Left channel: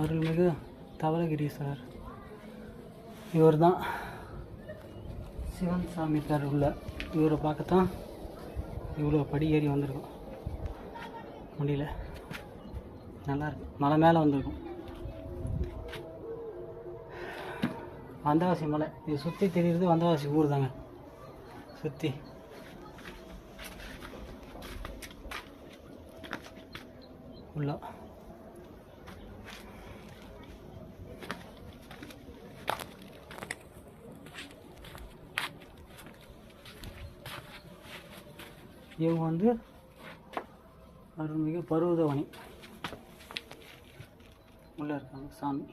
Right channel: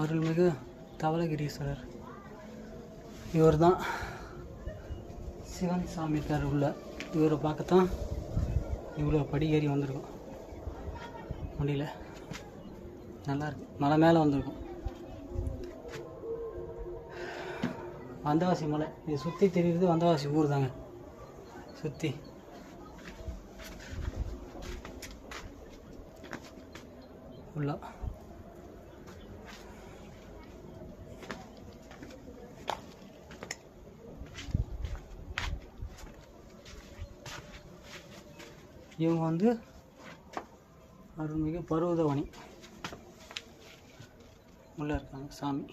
அருள்மிகு தவளகிரீஸ்வரர். இவர் தான் சிவன் சாமி இருக்கார் உள்ள. இவரை பார்க்கத்தான் இவ்வளோ படி ஏறி வந்திருக்கும். முடியல, நல்லாயிருக்கு. மலை மேலே வந்திருக்கும். வந்தவாசி மலை இது சுற்றி தெரியுறது. வந்தவாசி ஊர் தாங்க சுற்றி. உள்ள இவங்க வந்து அருள்மிகு பருவதவனி உள்ள இருக்காங்க சாமி.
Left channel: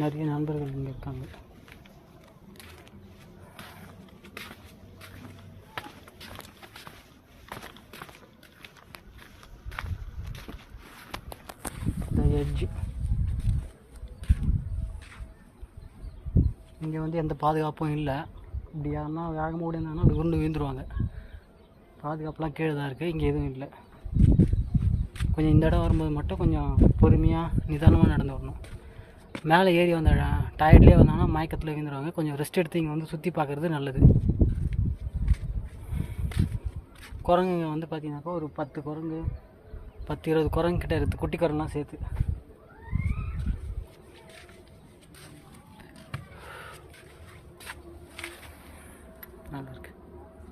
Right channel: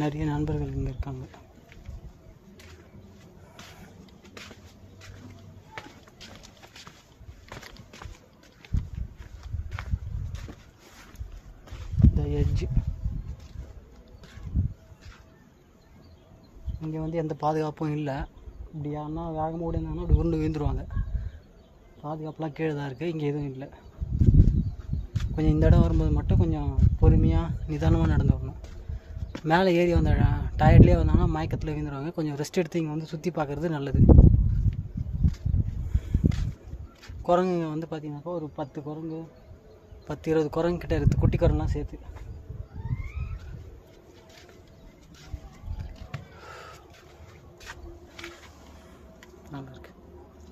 நிறைய நண்பர்கள் இங்கே இருக்காங்க. The edge. இங்கே வந்து எந்த பாதுகாப்பும் இல்லை. இப்படி யாருன்னா வேகமாக ஓடினாங்கன்னா அப்படி உருண்டு விழுந்துருவாங்க. பாதுகாப்புலாம் கீழே தான் இருக்குது. இங்கே எதுவும் இல்லை. கொஞ்சம் இந்த இடம் வரும்போது மட்டும் கொஞ்சம் பொறுமையாக நிதானமாக நடந்து வரணும். மேலே ஏறி வந்த டயர்ட்லேயே வந்தாங்கன்னா மயக்கத்தில் விழுந்துருவாங்க. கொஞ்சம் ரெஸ்ட் எடுத்து இங்கே வந்து சுற்றி பார்க்குறது நல்லது. குரங்குங்க வந்து பார்த்திங்கனாக்கா ஒரு 10 குரங்கு 10-20 குரங்கு கிட்டே இருக்குது, குட்டி குரங்குலாம் சேர்த்து.